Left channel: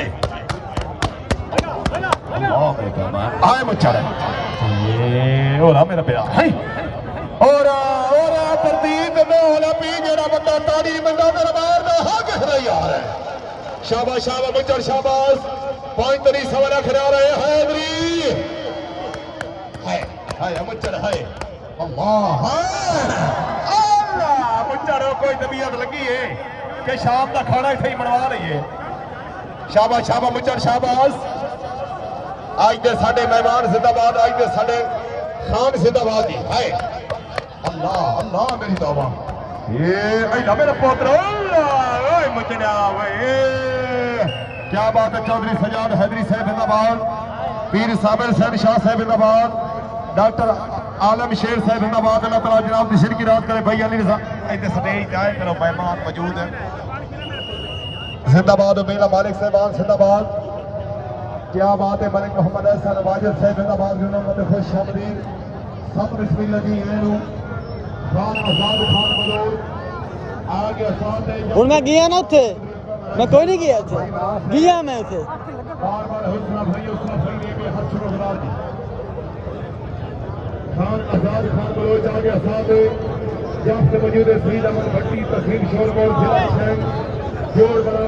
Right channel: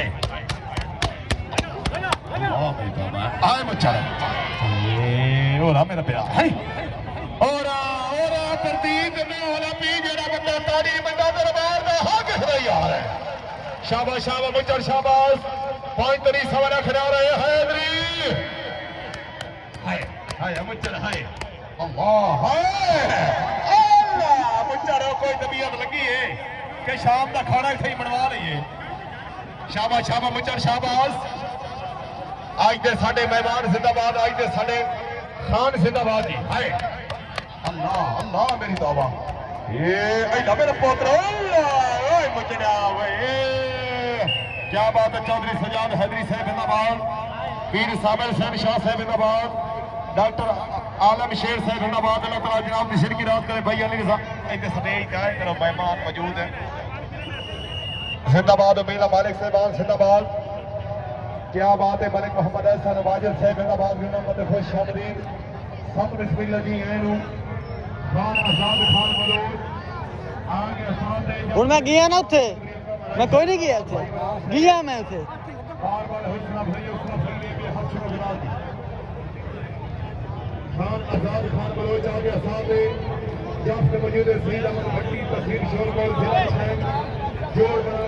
آئے آئے بچہ رہے اور میرا پیرا ہائی اور آ میں ہولا پی جڑا بندہ تاری بندہ دربار دا حق خدائی آ رہا ہے شاباش شاباش بچر شاباش پانچ تری سوارہ کھڑا رہے حیدری ہائے ہائے بچر ہائے اللہ ہائے اللہ بچر کوئی طبیعت لگی ہے کہ شام دا کھانا صحیح بنوا رہی ہے شاباش شاباش مچڑ شاباش آج دے ساڑے مہمان زدہ باد آج دے ساڑے خان زدہ باد ہی ہائے اللہ اللہ میری توبہ یہ اے میرا پوتر اللہ اے مچڑیا اے کیا بات ہے چودری سجاد حیدری صاحب زدہ باد پیر سامر صاحب شاہ صاحب زدہ باد ڈاکٹر عالم شیر صاحب زدہ باد اللہ تعالی جناب کی شرکی رات کرے بھائی علی رضا اے تے سٹیج جائے کرو مہمان موجود ہے زندہ باد عبیدہ مالک صاحبان زندہ باد کیا بات ہے ملک محمد احسان واجد صاحب زندہ باد گرنا مدد خوش شامدین سب رسمی لگی ہیں نو خان آزاد خان ملور آگے آسان دے ہن میں گیا نہ اوتھے میں کوئی نہیں گیا اوتھے گیا میں اوتھے بار بار حسنا بھائی اس کا فرمی کے ہر شروع خلاف خان آزاد خان ملور آگے آسان دے جاب کے مجید سید احمد بھٹی تقریب شور بول سے جوڑ بڑا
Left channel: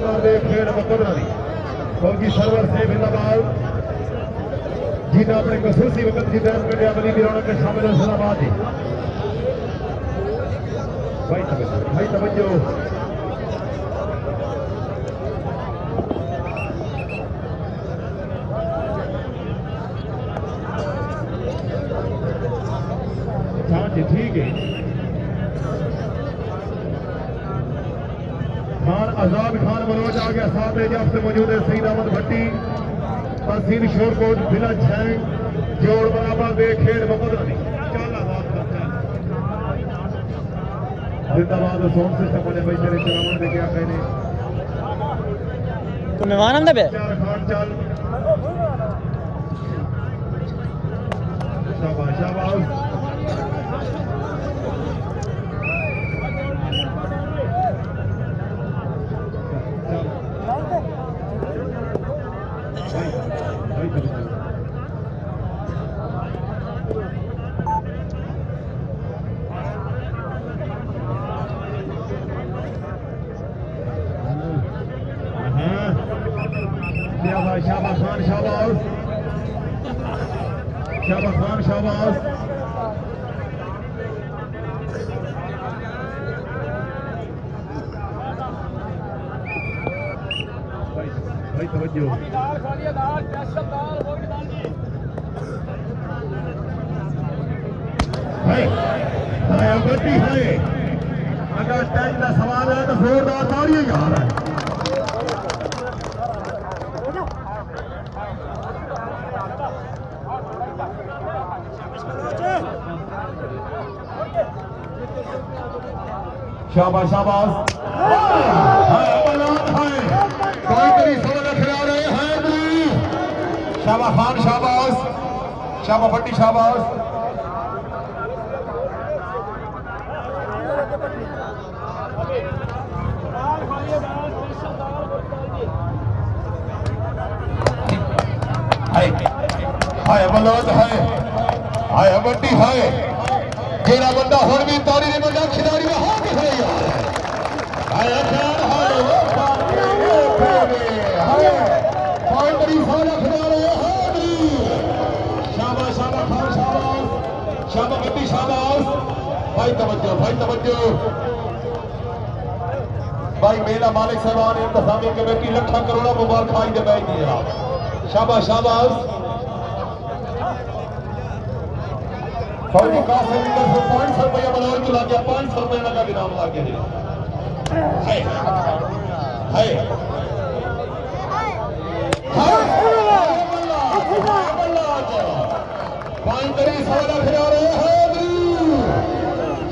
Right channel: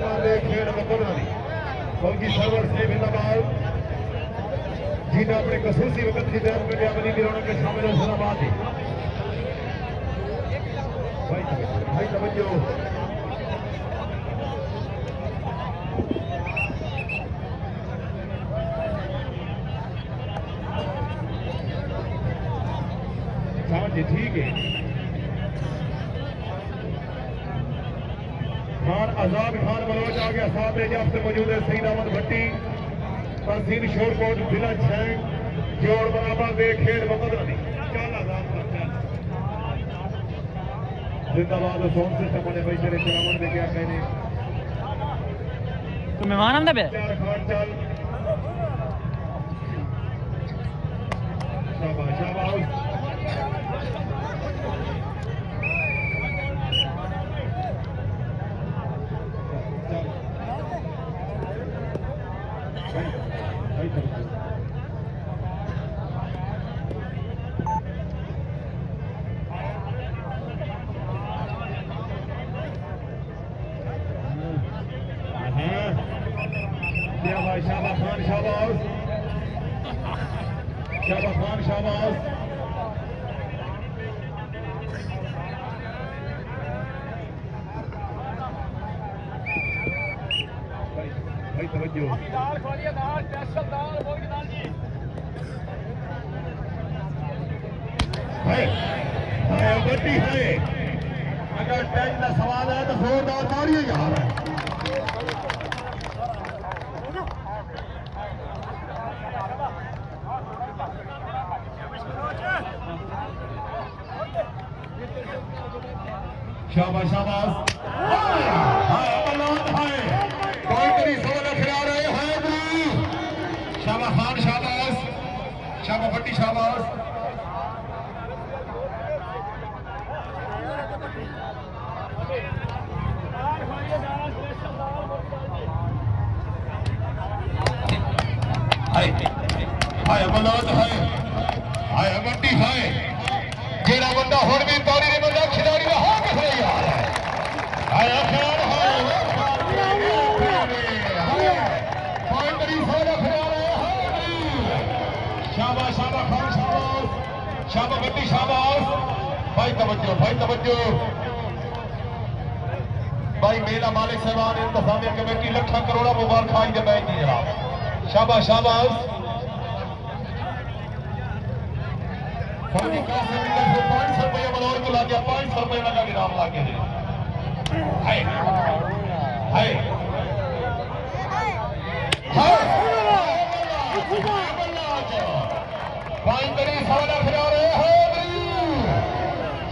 કોકી સર્વર સે બિલાબાલ જીને આપણે કસોટી વખતથી બેન કરી અમલી બિરોણ કે સામે સલામાત ભાઈ તમે ભાઈ તમે જો ઠીક છે منوج آگیا صاحب ہے جب سے موجود ہے سید آمد بھٹی پرسین شور کوٹ بھلا چھین جوڑ برابر بے کھیڑ محمد علی۔ زندہ باد سون سے سمجھے بھائی تیرے چراون دے کیا میں نے تو مہمان ہم نے پہ شاباش شاباش۔ شابان شاباد شابا خان شاباد اگر سوال آهي توهان شاباش آباز شابہ خان شاباز شابہ بھٹی شاباز ہائے ہائے بلاد ہائے ہائے بٹی ہائے ਜਿਹੜਾ ਬੰਦਾ ਹੁਣ ਵੀ ਪੌੜੀ ਦੇ ਬੰਦਾ ਖਿਡਾਰੀ ਹੋ ਕੇ ਖੜੇਗਾ ਹਾਏ ਖਾਨ ਹਾਏ ਹਾਏ ਹਾਏ ਬੜੀ ਸੋਹਣਾ ਖਿਡਾਰੀ, ਹਾਏ ਬੜੀ ਸ਼ਾਬਾਸ਼ ਸ਼ਾਬਾਸ਼ ਖਾਨ ਸ਼ਾਬਾਸ਼ ਸ਼ਾਬਾਸ਼ ਬੱਤੀ ਸ਼ਾਬਾਸ਼ ਭਾਈ ਤਵੱਜੋ ਭਾਈ ਤਵੱਜੋ। ਭਾਈ ਮੇਰਾ ਮਾਲਕ ਸਾਹਿਬਾਨ ਇੰਤਜ਼ਾਮੀ ਕਮੇਟੀ ਲੱਖਾਂ ਕਰੋੜਾਂ ਮੁਬਾਰਕਾਂ ਆਈ ਦੇ ਬਾਈ ਦੀ ਸ਼ਾਬਾਸ਼ ਸ਼ਾਬਾਸ਼। فوجی قاسم اندر سے پانچ سو روپیہ بلور کو لا دیا پانچ سو روپیہ کا گرام لا کے دیا ہے۔ شابہ ہاں، ہاں۔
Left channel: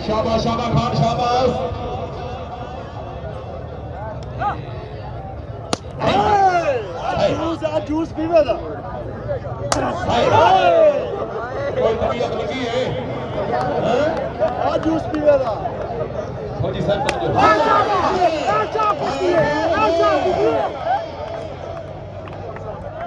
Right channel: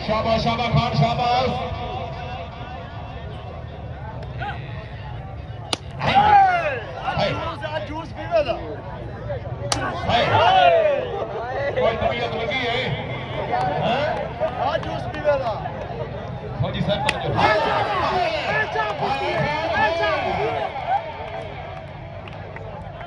شابہ خان شاباش۔ جوس پیو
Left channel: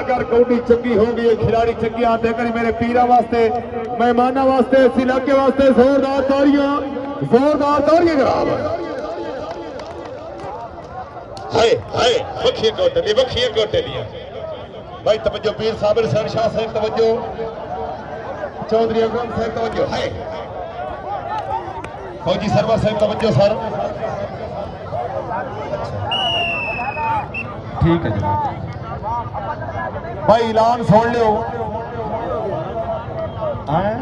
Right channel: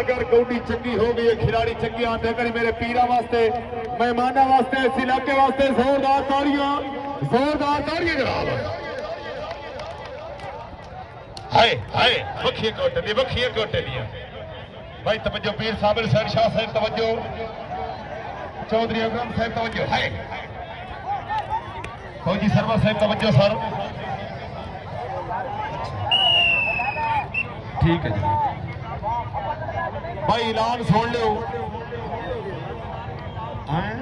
اگر گوڑی چکی ہو گئی کھلاڑی چنگی آتے کر میرے پیرہ واسطے مہمانہ واسطے اس علاقے واسطے زوردار تاریاں زوردار تاریاں جناب۔ ہائے ہائے وکھی گوٹے دی وکھی گوٹے دی بھائی توجہ پیر صاحب حسین شاہ صاحب توجہ۔ چودھری اکبر صاحب توجہ ہائے۔ فوجی سرور صاحب توجہ سر۔ اچھا۔ ٹھیک ہے جناب۔ ਭਾਈ ਐਲਾਨ ਸੁਣ ਲਿਓ। ਹਾਂ?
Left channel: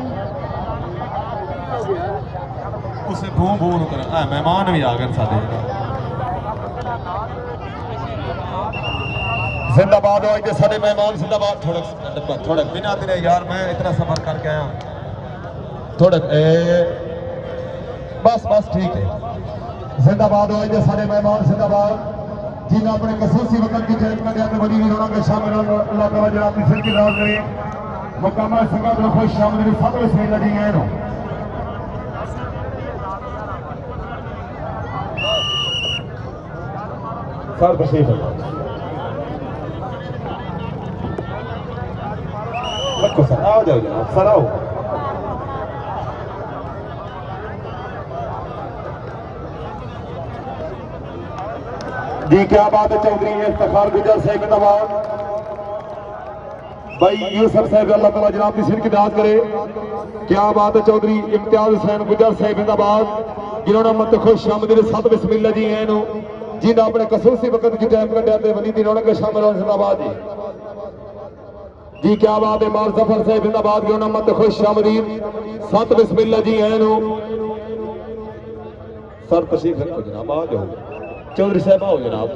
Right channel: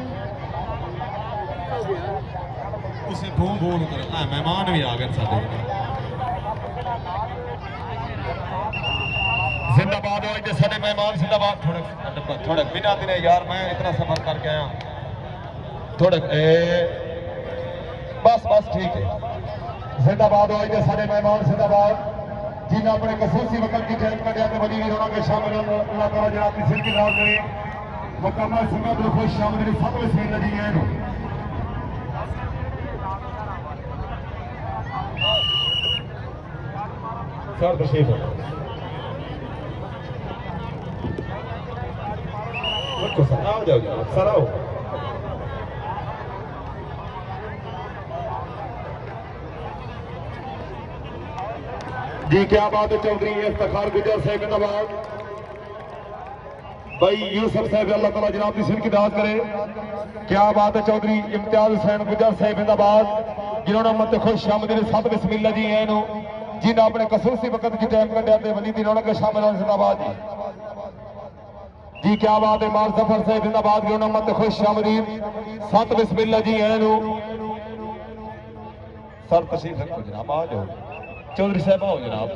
ਉਸੇ ਭੂੰ ਭੂੰ ਕਰ। ਆ ਮਹਿਮਾਨ ਵੀ ਆ ਗਏ ਸਾਡੇ। ਜ਼ਿੰਦਾਬਾਦ ਹੋ ਅੱਜ ਸਾਡੇ ਮਹਿਮਾਨ, ਜ਼ਿੰਦਾਬਾਦ। ਥੋੜਾ ਥੋੜਾ ਬਿਨਾਂ ਦਿਨੇ ਯਾਰ, ਮੈਂ ਇਤਨਾ ਸਫਰ ਕਰਕੇ ਆਇਆ। ਥੋੜਾ ਬਸ ਬਸ ਠੀਕ ਹੈ। ਜ਼ਿੰਦਾਬਾਦ ਹੋ ਅੱਜ ਸਾਡੇ ਮਹਿਮਾਨ, ਜ਼ਿੰਦਾਬਾਦ। جن اپنے کسوسی وطن کی جہد کر دیا تو بڑی ویرانوں کے شامل اللہ تعالیٰ جناب مصر کی راہ کرے مقامہ سکا بلو خوش شامل میری سب سے لگی ہے سار بشیف اللہ لکھو سر آو جاؤ جاؤ سر آو جاؤ جی کیا بات چودری افتخار گجر صاحب نواز بھائی، یوسف صاحب، اللہ تعالیٰ جناب کی شرک داد کرے۔ کیا بات ہے چودھری؟ امتیاز حسین گجر صاحب آباد جنہوں نے منتخب شامل سب بسم اللہ جی ہیں جن نے اپنے کسور سے وقت کی ٹائم کٹیا تو ونی دن کے شامل حسین آباد جی جی کیا بات ہے؟ مار سفر صاحب آباد جنہوں نے منتخب شامل سات بسم اللہ جی ہیں سر تشریف جناب، آ جاؤ۔ چودھری صاحب، آؤ جناب۔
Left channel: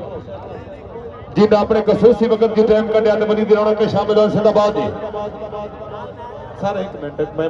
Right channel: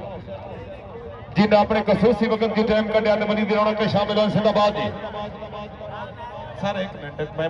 جی اپنے خصوصی وقت کی ٹائم کٹیا تو منی دلانا کے شامل ہونے سے آباد سر، ایک منٹ، میں